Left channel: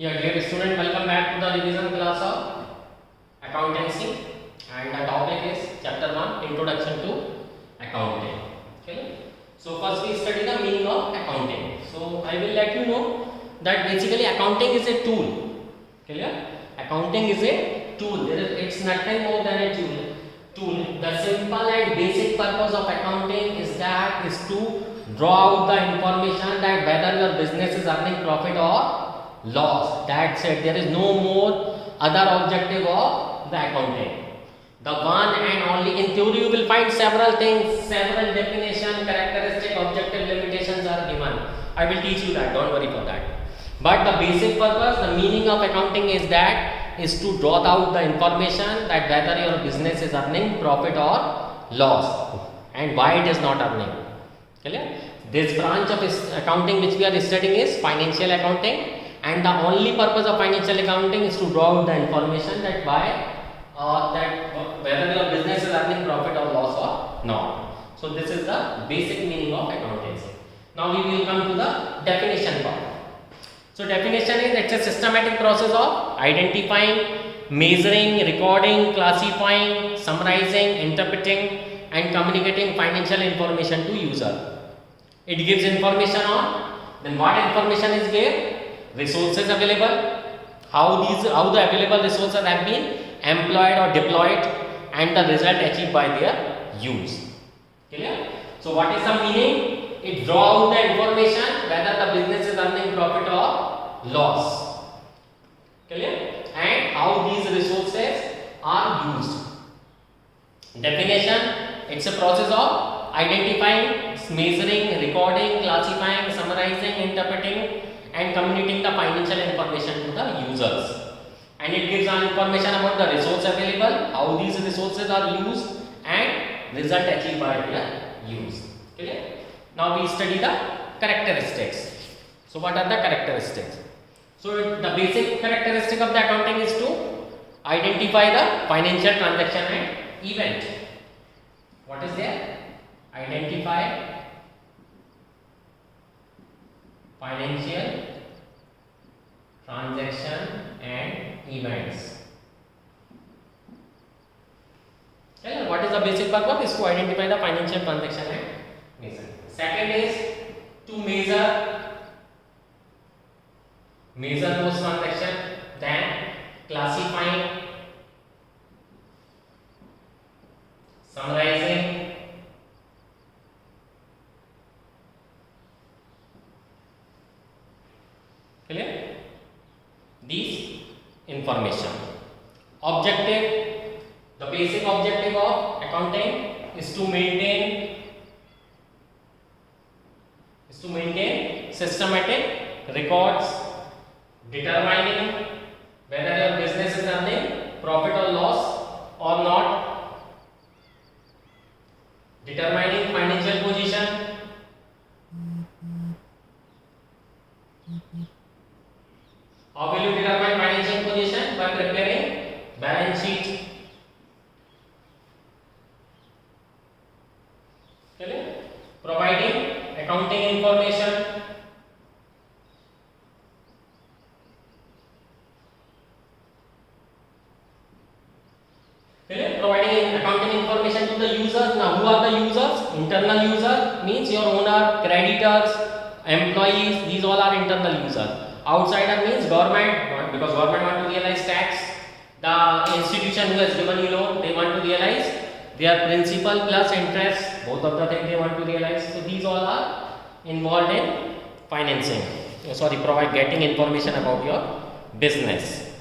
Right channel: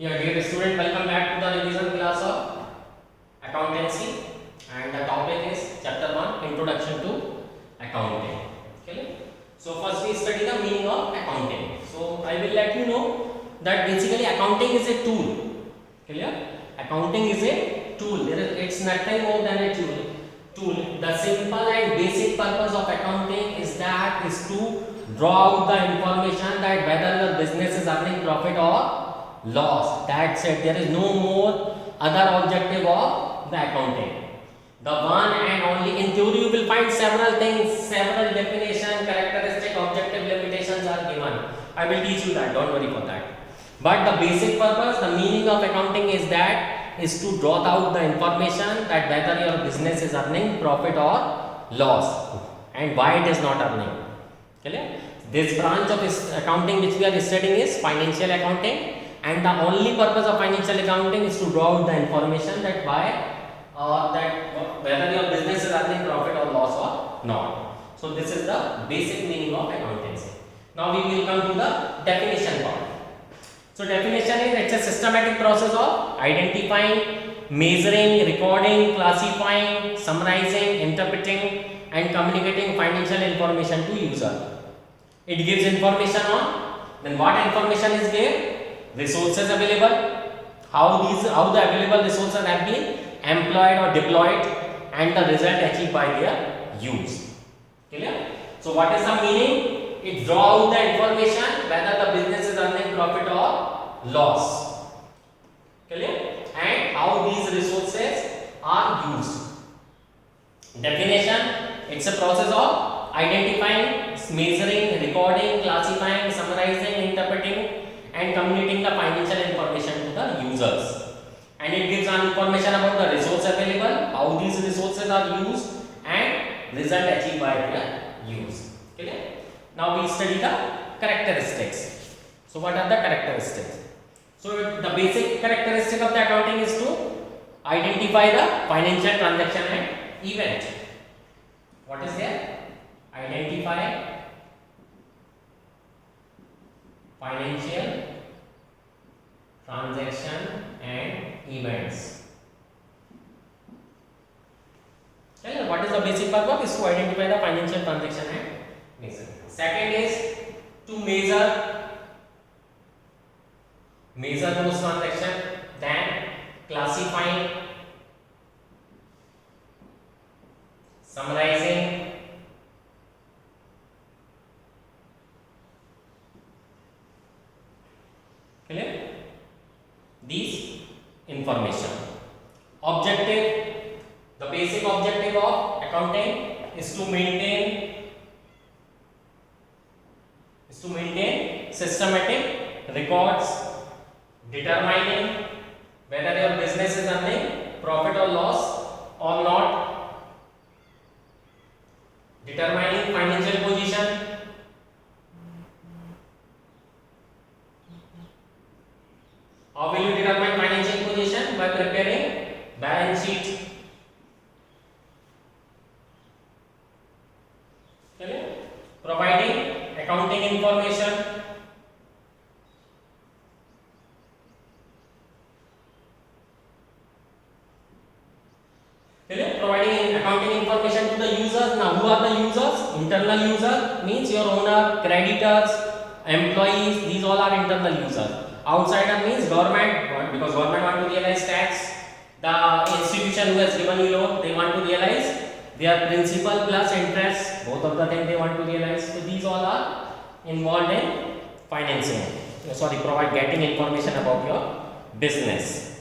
Yeah, dear student, welcome back to the revision class of accountancy, and the topic is chapter 1, Introduction to Accounting. Okay. So first we study the meaning of accounting. So I will let you know that basically accounting is a tool. Clear? Accounting is a tool. It's nothing more than a tool. The simple and basic purpose of accounting is to draw out the information that whether your business is earning profit or loss. That's it. There is no more other objective of the accounting. The one and only, in theory you will find several things, several definition, characteristic, objective, limitations are given. I will teach you that, don't worry for that. But the basic purpose, the meaning of accounting is to draw out the information that whether your business is earning profit or loss and why it is not earning. Clear? This branch of accounting which we are studying is financial accounting, and the only purpose of financial accounting is to draw out the information that whether your business is earning profit or loss or not. So this is the basic meaning of accountancy. Now we will come to the definition part. So definition is it's a systematic process of identifying, measuring, recording, classifying, summarizing, interpreting and communicating financial information to user. It gives information on then what information is given, resources available, how the available resources have been employed or deployed, and the result achieved by their use. Clear? So what is the meaning? It draws out the information whether the business is earning profit or loss. Clear? And how these resources are used. Definition: it's a process of identifying, measuring, recording, classifying, summarizing, interpreting and communicating the financial information to the users. And it gives information about the resource available, how these resources are used and result achieved by their use. Clear? Now we study the characteristics. So what are the characteristics? So the basic characteristic of the accounting is to identify the financial transaction and event. What is there? Identify financial transaction and events. Okay, what is the basic purpose? Is to identify the financial transaction and measure. Second is to measure those transactions, then classifying, summarizing, clear? These information. Objective, the basic objective of accounting is to maintain systematic records determining whether your business is earning profit or loss or not, determining financial position, how will you determine financial position? By preparing balance sheet. Okay? Providing accounting information. Okay? Providing accounting information to the users. Now, who are the users? Internal user means your owner, creditors, employees. These all are internal users. Outsider means government, because government want to realize tax. The institution who has given you loan, they want to realize their principal plus interest. Both of the things they want to realize. So these all are involved in financing. Getting information about your business.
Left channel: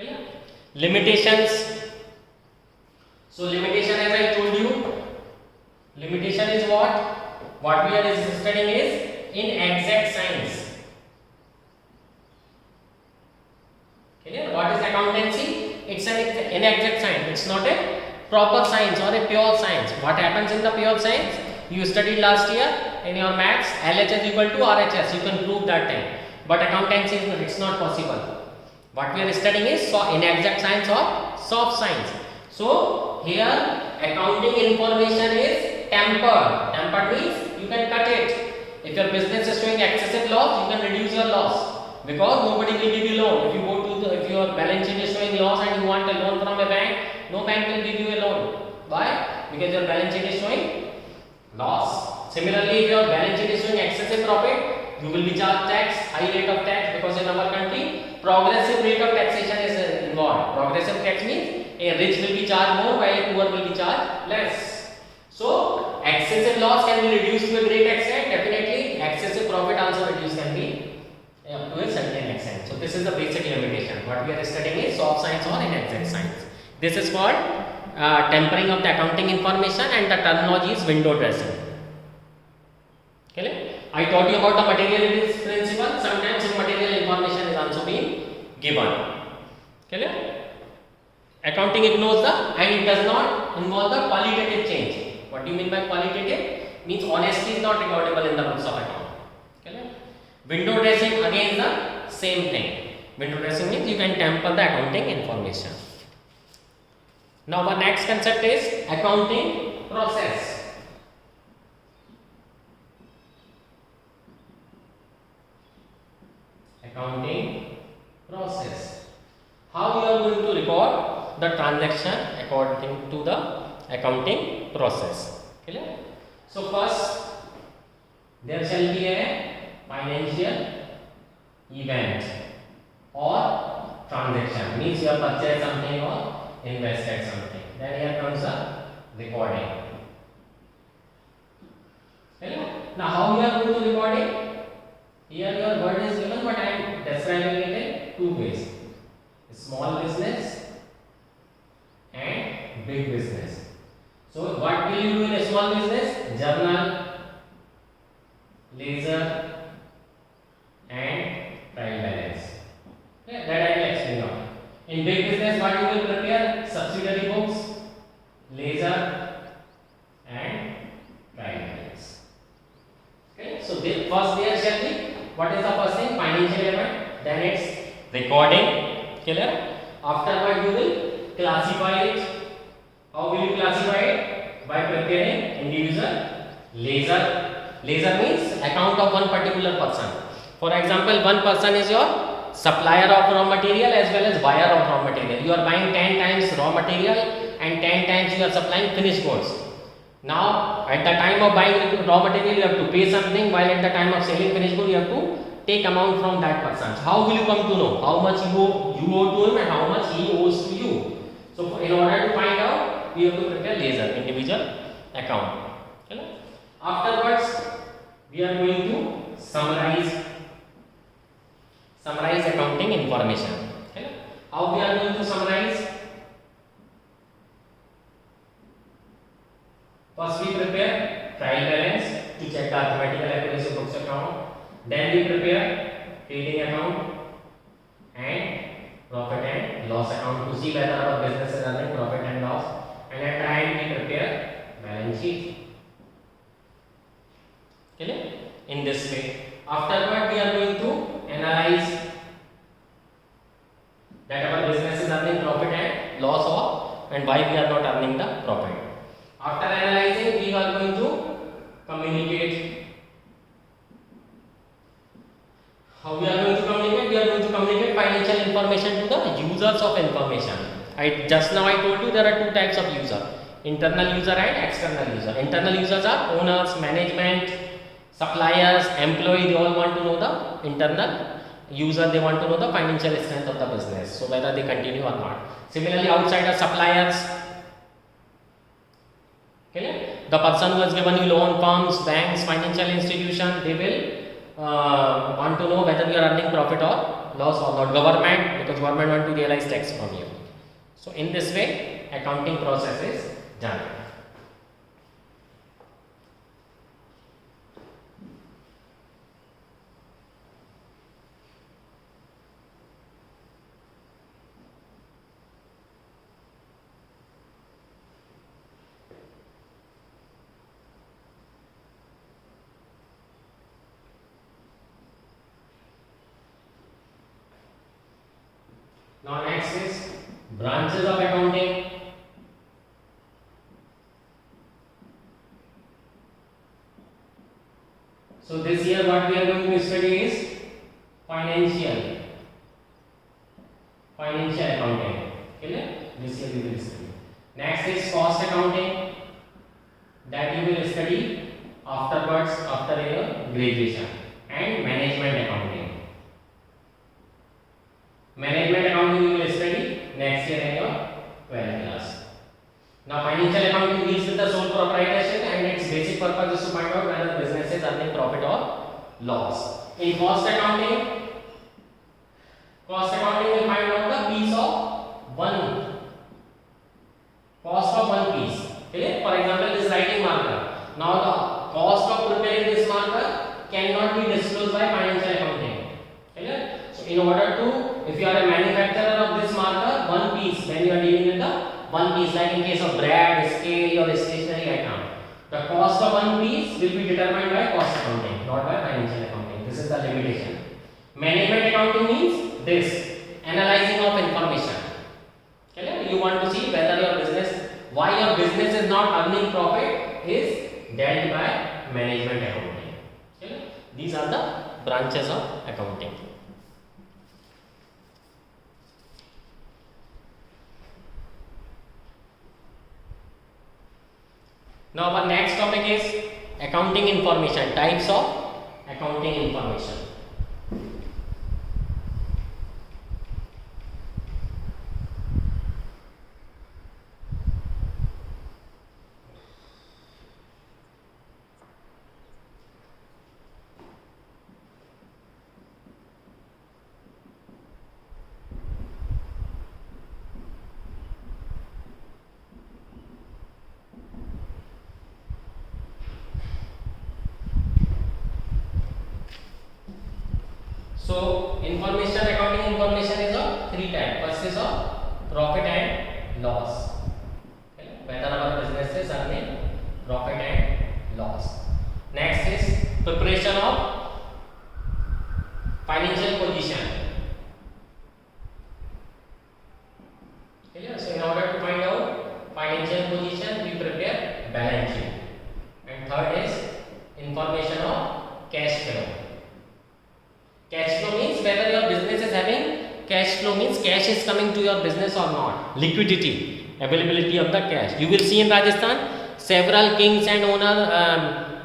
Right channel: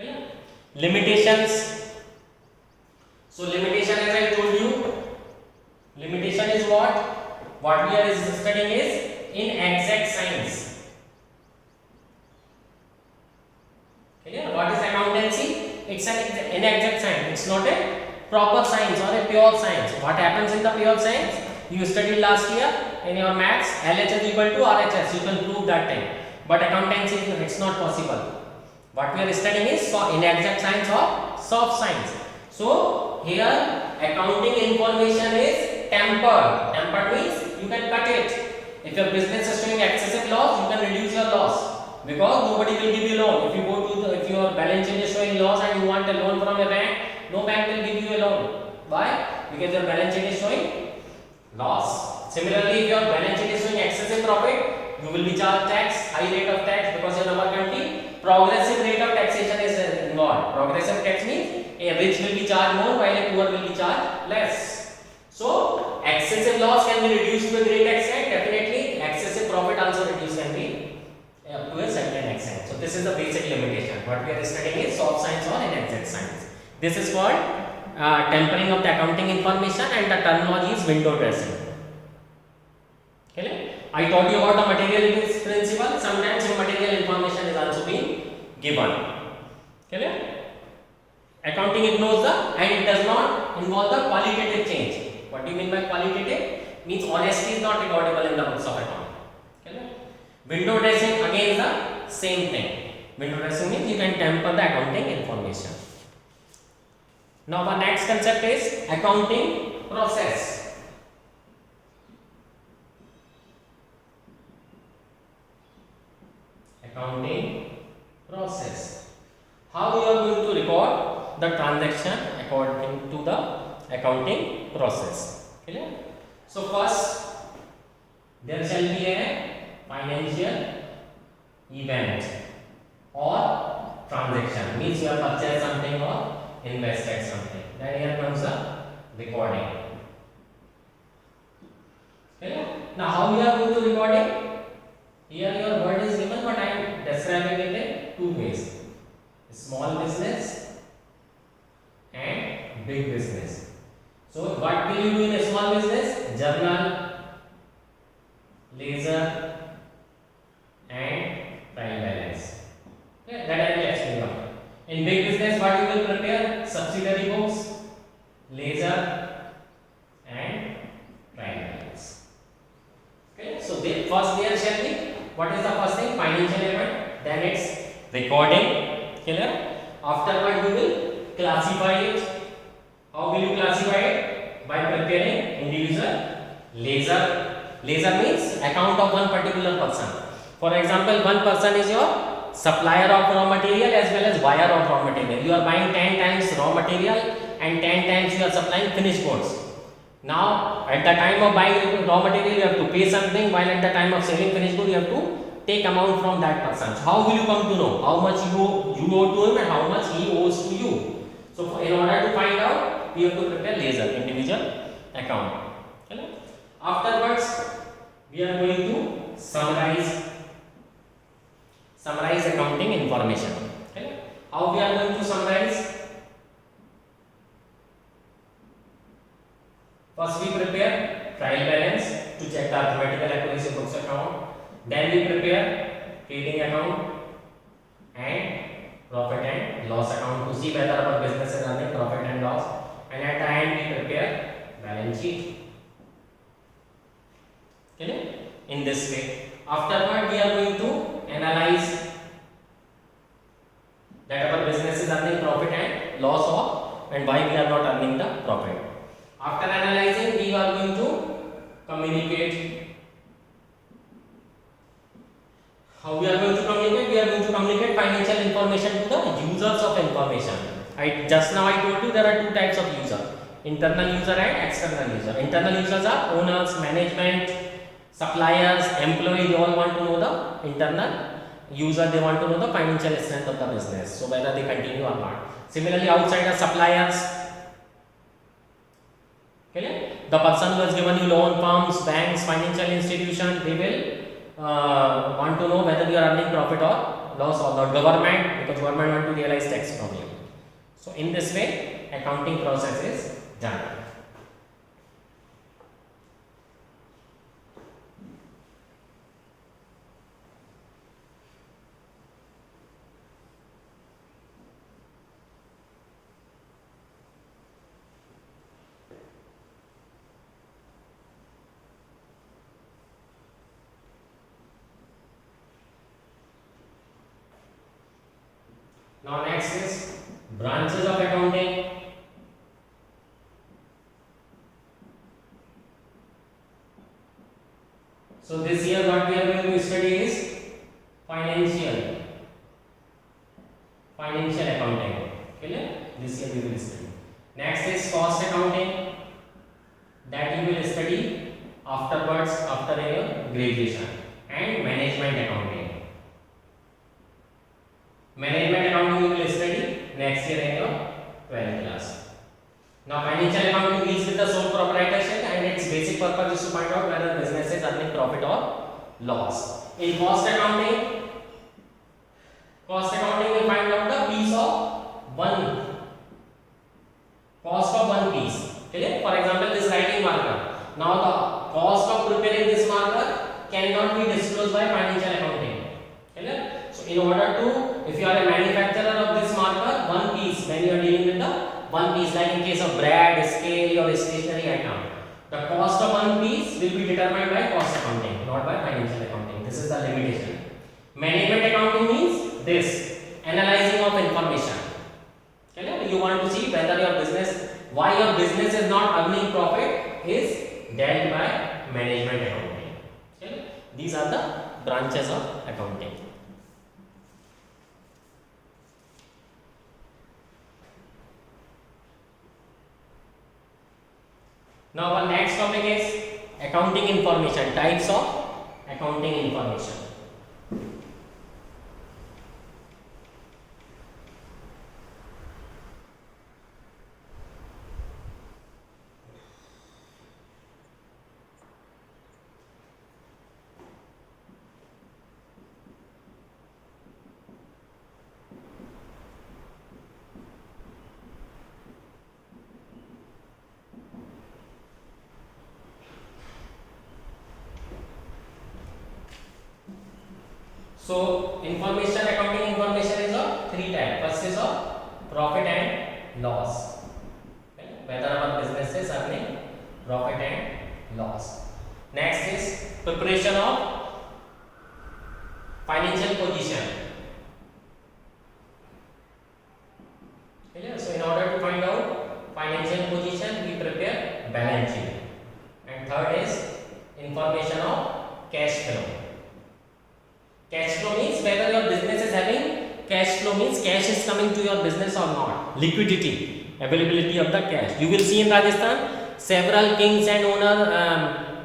Okay? Limitations. So limitation, as I told you, limitation is what? What we are studying is inexact science. Clear? What is accountancy? It's an inexact science. It's not a proper science or a pure science. What happens in the pure science? You studied last year in your maths, LHS equal to RHS. You can prove that thing. But accountancy, it's not possible. What we are studying is inexact science or soft science. So here accounting information is tempered. Tempered means you can cut it. If your business is showing excessive loss, you can reduce your loss. because nobody will give you loan. If you go to if your balance sheet is showing loss and you want a loan from a bank, no bank will give you a loan. Why? Because your balance sheet is showing loss. Similarly, if your balance sheet is showing excessive profit, you will be charged tax, high rate of tax, because in our country progressive rate of taxation is involved. Progressive tax means a rich will be charged more while a poor will be charged less. So excessive loss can be reduced to a great extent. Definitely excessive profit also reduced can be to a certain extent. So this is the basic limitation. What we are studying is soft science or inexact science. This is called tempering of the accounting information, and the terminology is window dressing. Okay? I taught you about the materiality principle. Sometimes immaterial information is also being given. Okay? Accounting ignores the and it does not involve the qualitative change. What do you mean by qualitative? Means honesty is not recordable in the books of account. Okay? Window dressing again is the same thing. Window dressing means you can temper the accounting information. Now the next concept is accounting process. Accounting process. How you are going to record the transaction according to the accounting process. Clear? So first there shall be a financial event or transaction, means you have purchased something or invested something. Then here comes a recording. Clear? Now how you are going to record it? Here your word is given, but I am describing it in two ways: small business and big business. So what will you do in a small business? Journal, ledger and trial balance. Okay, that I will explain now. In big business, what you will prepare? Subsidiary books, ledger and trial balance. Okay, so first there shall be, what is the first thing? Financial event. Then it's recording. Clear? Afterward you will classify it. How will you classify it? By preparing individual ledger. Ledger means account of one particular person. For example, one person is your supplier of raw material as well as buyer of raw material. You are buying 10 times raw material and 10 times you are supplying finished goods. Now, at the time of buying raw material, you have to pay something, while at the time of selling finished goods, you have to take amount from that person. So how will you come to know how much you owe to him and how much he owes to you? So, in order to find out, we have to prepare ledger, individual account. Okay? Afterwards, we are going to summarize accounting information. Okay? How we are going to summarize? First we prepare trial balance to check the arithmetical accuracy of books account. Then we prepare trading account and profit and loss account to see whether our business is earning profit and loss. And at the end we prepare balance sheet. Okay? In this way. Afterward we are going to analyze that our business is earning profit and loss or and why we are not earning the profit. After analyzing, we are going to communicate. How we are going to communicate? We are going to communicate financial information to the users of information. Just now I told you there are two types of user: internal user and external user. Internal users are owners, management, suppliers, employee. They all want to know the internal user. They want to know the financial strength of the business, so whether they continue or not. Similarly, outside are suppliers. Okay? The person who has given you loan, firms, banks, financial institution, they will want to know whether we are earning profit or loss, or not. Government, because government want to realize tax from you. So in this way, accounting process is done. Now next is branches of accounting. So this year what we are going to study is financial accounting. Clear? This year we will study. Next is cost accounting, that you will study afterwards after your graduation. And management accounting. Management accounting you will study next year in your 12th class. Now financial accounting deals with the sole proprietorship and its basic purpose is to find out whether business is earning profit or loss. In cost accounting will find out the piece of one cost of one piece. Clear? For example, this writing marker. Now the cost of preparing this marker cannot be disclosed by financial accounting. Clear? So in order to, if you are a manufacturer of this marker, one piece, when you are dealing with the one piece, like in case of bread, scale or stationery item, the cost of one piece will be determined by cost accounting, not by financial accounting. This is the limitation. Management accounting means this, analyzing of information. Okay? You want to see whether your business, why your business is not earning profit, is dealt by management accounting. Okay? These are the branches of accounting. Now our next topic is accounting information, types of accounting information. So information, accounting information is of three types. First is of profit and loss. Okay? Whether our business is earning profit and loss. Next is preparation of financial position. Okay? So in order to find out financial position, we prepare balance sheet. And third is information of cash flow. Cash flow means whether your business is having cash flow, means cash is coming to your business or not. Liquidity, availability of the cash. You will see in Rajasthan, several kings and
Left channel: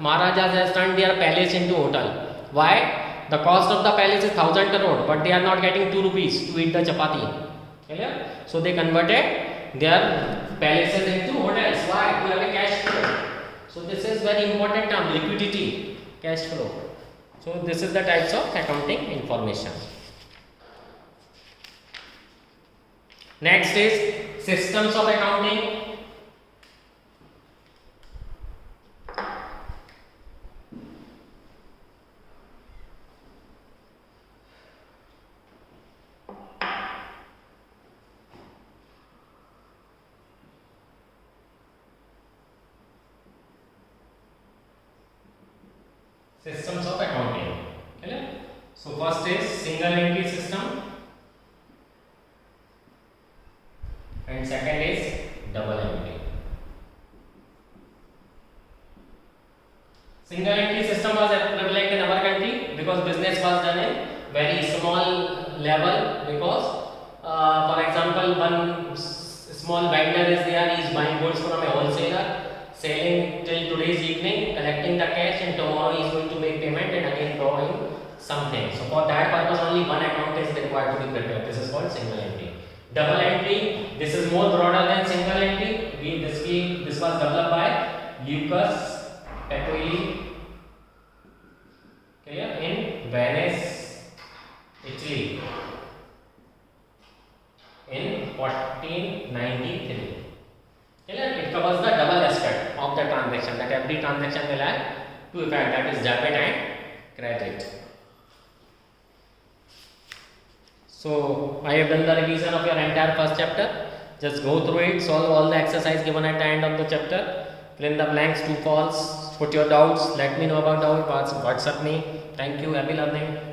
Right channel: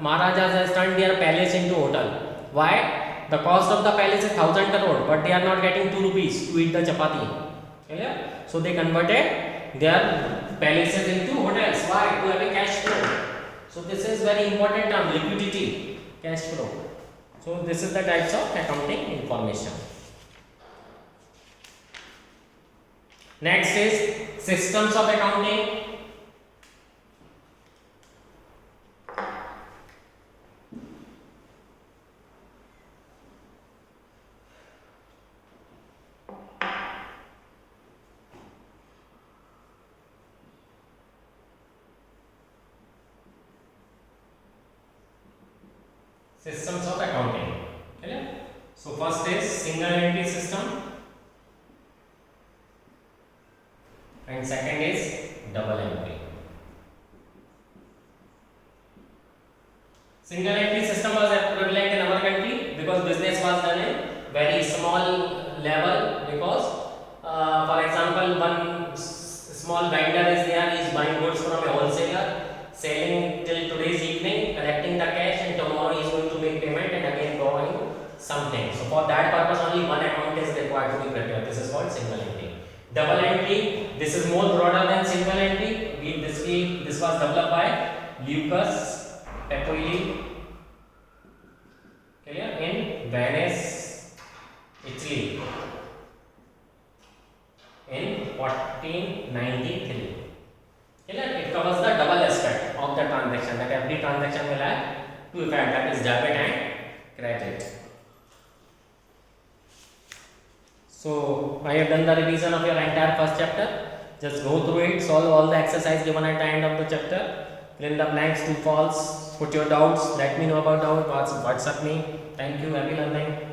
Maharajas have turned their palace into hotel. Why? The cost of the palace is 1,000 crore, but they are not getting 2 rupees to eat the chapati. Clear? So they converted their palaces into hotels. Why? To have a cash flow. So this is very important term, liquidity, cash flow. So this is the types of accounting information. Next is systems of accounting. Systems of accounting. Okay? So first is single entry system and second is double entry. Single entry system was prevalent in our country because business was done in very small level, because for example, one small vendor is there, he is buying goods from a wholesaler, selling till today's evening, collecting the cash, and tomorrow he is going to make payment and again drawing something. So for that purpose only one account is required to be prepared. This is called single entry. Double entry, this is more broader than single entry. This was developed by Lucas Pacioli in Venice, Italy in 1493. It covers the double aspect of the transaction, that every transaction will have two effects, that is debit and credit. So I have done the revision of your entire first chapter. Just go through it, solve all the exercise given at the end of the chapter, fill in the blanks, true, false, put your doubts, let me know about doubt, WhatsApp me. Thank you, happy learning.